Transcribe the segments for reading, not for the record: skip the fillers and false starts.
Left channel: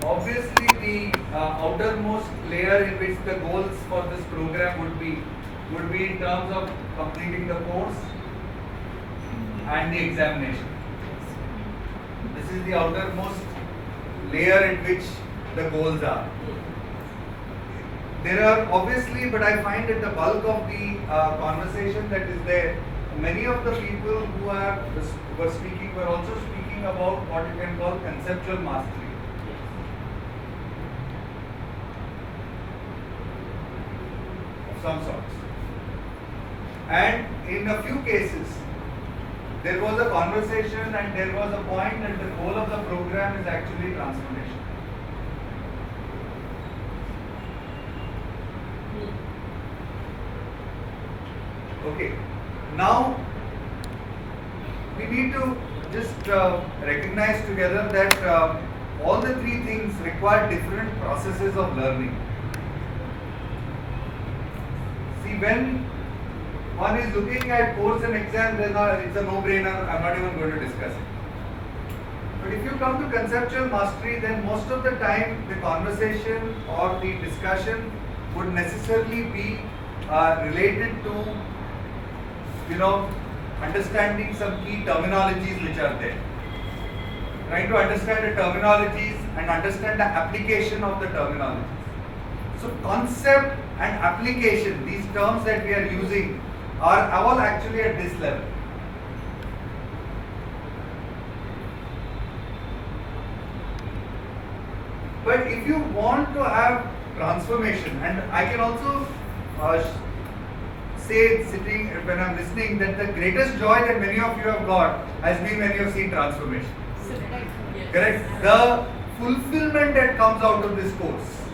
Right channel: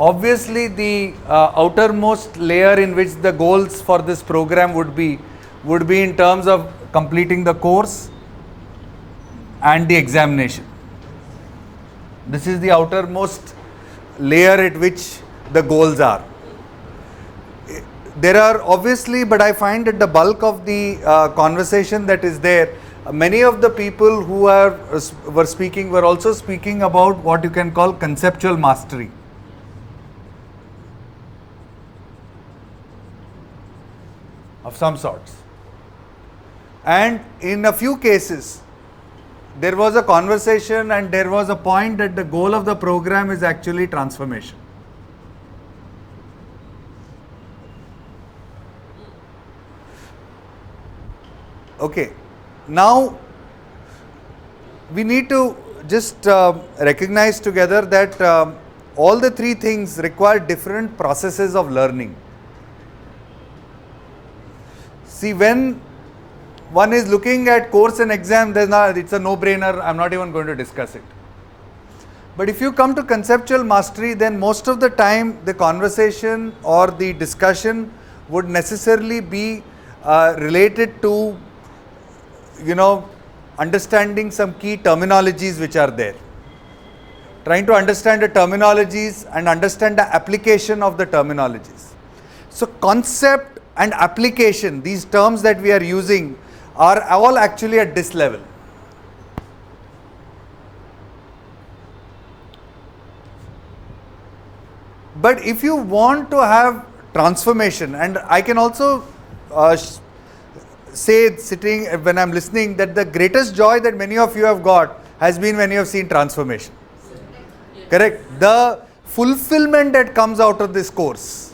obviously the outermost layer in which the goals for this program would be in terms of completing the course and the examination. This is the outermost layer at which the goals are. There are obviously, but I find that the bulk of the conversation that is there, many of the people who were speaking were also speaking about what you can call conceptual mastery. Of some sorts. And in a few cases, there was a conversation and there was a point that the goal of the program is actually transformation. Okay, now we need to just recognize together that all the three things require different processes of learning. See, when one is looking at course and exam, it's a no-brainer, I'm not even going to discuss it. But if you come to conceptual mastery, then most of the time the conversation or the discussion would necessarily be related to, understanding some key terminologies which are there. Trying to understand the terminologies and understand the application of the terminologies. So concept and application, these terms that we are using, are all actually at this level. But if you want to have transformation, and I can also say, sitting when I'm listening, that the greatest joy that many of you have got has been when you have seen transformation. Correct? The fulfillment that comes out of this course,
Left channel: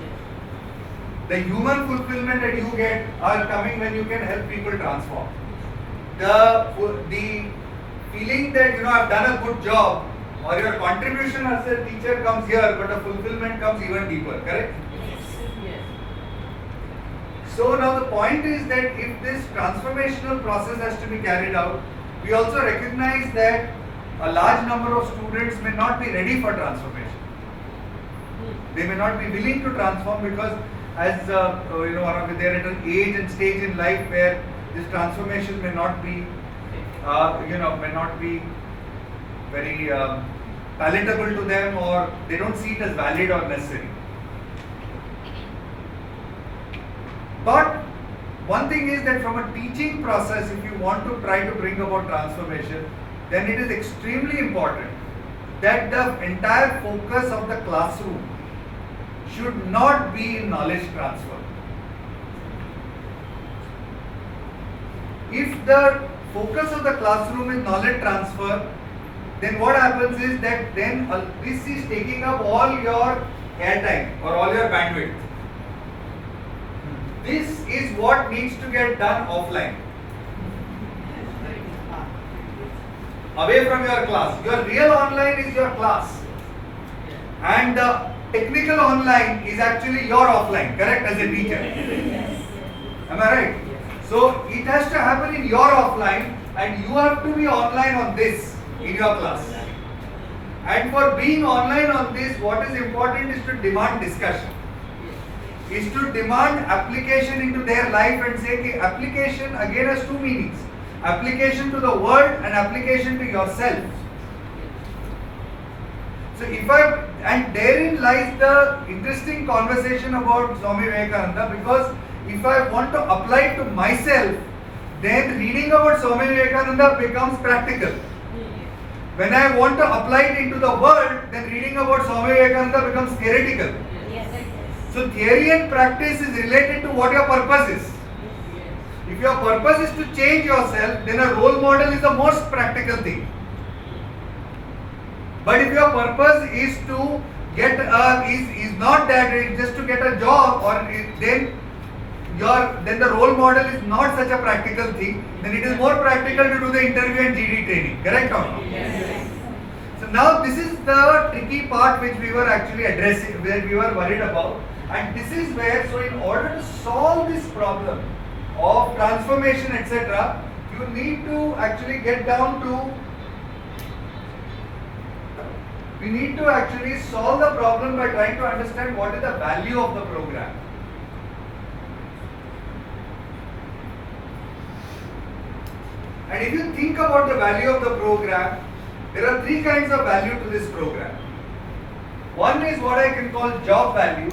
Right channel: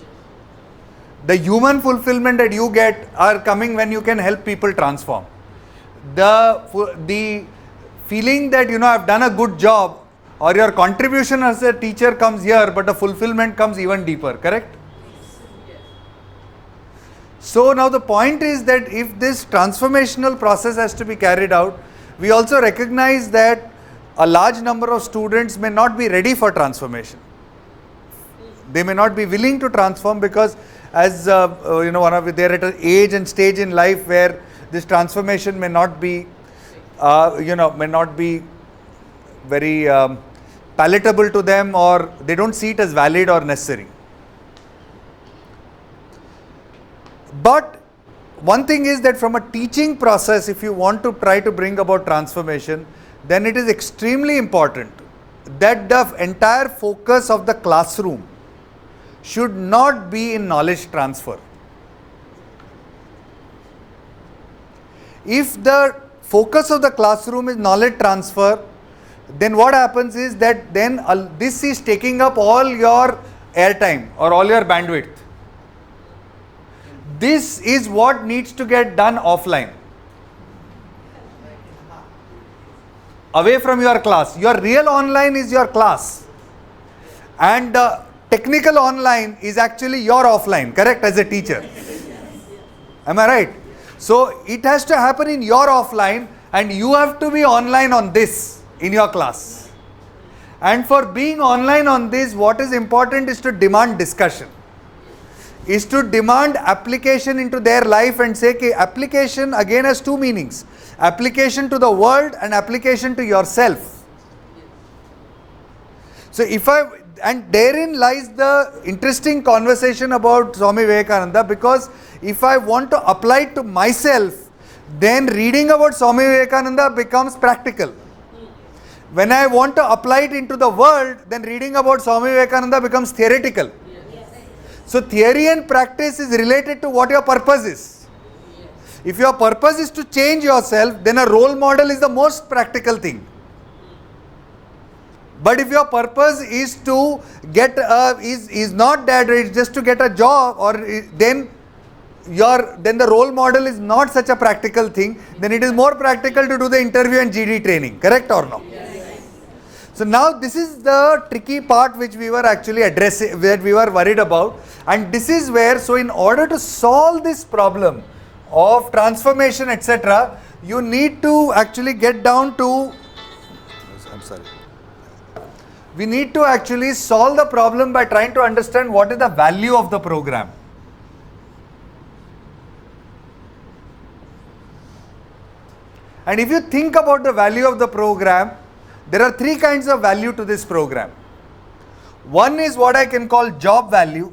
the human fulfillment that you get are coming when you can help people transform. The feeling that I've done a good job, or your contribution as a teacher comes here, but the fulfillment comes even deeper, correct? So now the point is that if this transformational process has to be carried out, we also recognize that a large number of students may not be ready for transformation. They may not be willing to transform because as they're at an age and stage in life where this transformation may not be very palatable to them, or they don't see it as valid or necessary. But one thing is that from a teaching process, if you want to try to bring about transformation, then it is extremely important that the entire focus of the classroom should not be in knowledge transfer. If the focus of the classroom is knowledge transfer, then what happens is that then this is taking up all your airtime or all your bandwidth. This is what needs to get done offline. Away from your class. Your real online is your class. And the technical online is actually your offline, correct, as a teacher? Am I right? So it has to happen in your offline, and you have to be online on this in your class. And for being online on this, what is important is to demand discussion. Is to demand application into their life and say, okay, application again has two meanings. Application to the world and application to yourself. So and therein lies the interesting conversation about Swami Vivekananda, because if I want to apply it to myself, then reading about Swami Vivekananda becomes practical. When I want to apply it into the world, then reading about Swami Vivekananda becomes theoretical. So theory and practice is related to what your purpose is. If your purpose is to change yourself, then a role model is the most practical thing. But if your purpose is to get is not that, it's just to get a job, or then the role model is not such a practical thing. Then it is more practical to do the interview and GD training. Correct or no? Yes. So now this is the tricky part which we were actually addressing, where we were worried about. And this is where, so in order to solve this problem of transformation, etc., you need to actually get down to, we need to actually solve the problem by trying to understand what is the value of the program. And if you think about the value of the program, there are three kinds of value to this program. One is what I can call job value.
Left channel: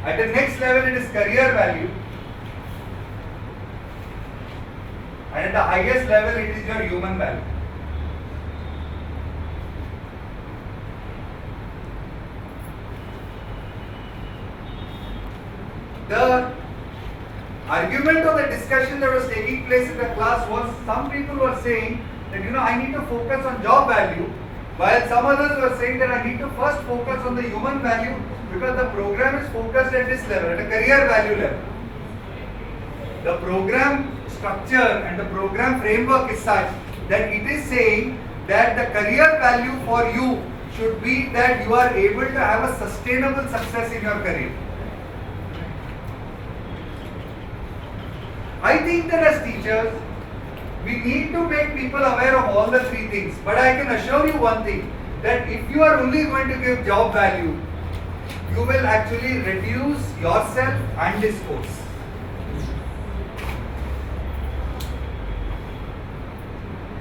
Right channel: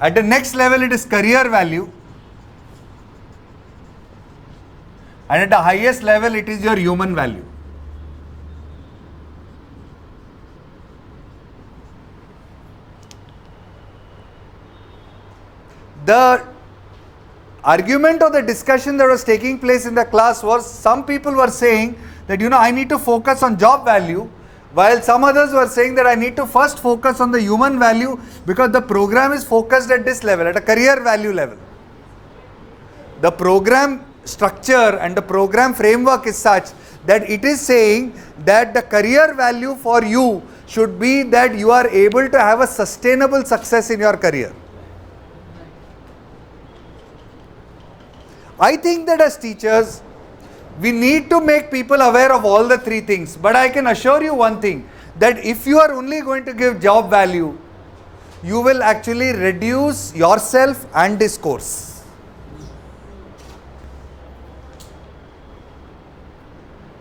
At the next level, it is career value. And at the highest level, it is your human value. The argument or the discussion that was taking place in the class was, some people were saying that, I need to focus on job value, while some others were saying that I need to first focus on the human value because the program is focused at this level, at a career value level. The program structure and the program framework is such that it is saying that the career value for you should be that you are able to have a sustainable success in your career. I think that as teachers, we need to make people aware of all the three things. But I can assure you one thing, that if you are only going to give job value, you will actually reduce yourself and this course.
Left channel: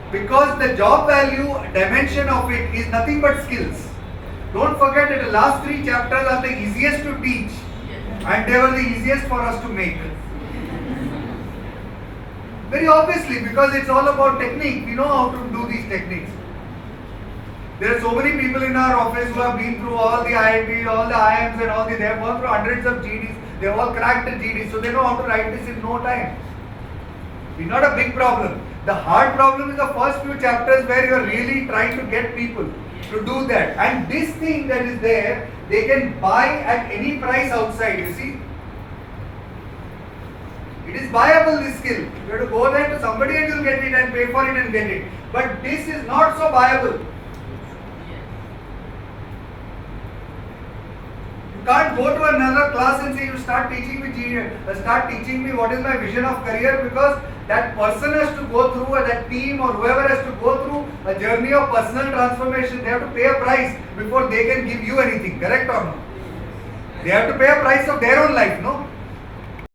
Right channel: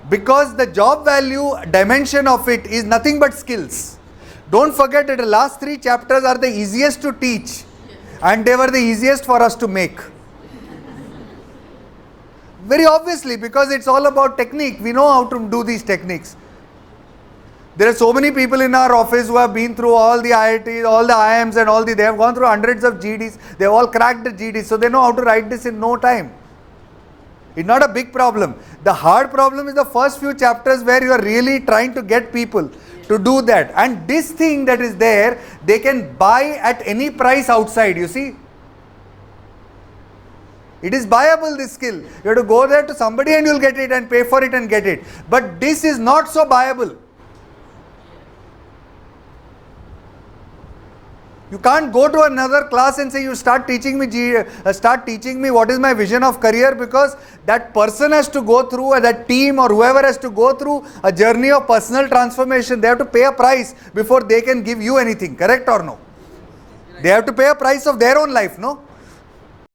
Because the job value dimension of it is nothing but skills. Don't forget that the last three chapters are the easiest to teach and they were the easiest for us to make. Very obviously, because it's all about technique. We know how to do these techniques. There are so many people in our office who have been through all the IITs, all the IIMs and all the, they have gone through hundreds of GDs. They have all cracked the GDs. So they know how to write this in no time. It's not a big problem. The hard problem is the first few chapters where you are really trying to get people to do that. And this thing that is there, they can buy at any price outside, you see. It is buyable, this skill. You have to go there to somebody and you will get it and pay for it and get it. But this is not so buyable. You can't go to another class and say, you start teaching me what is my vision of career, because that person has to go through, that team or whoever has to go through a journey of personal transformation. They have to pay a price before they can give you anything, correct or no? They have to pay a price of their own life, no?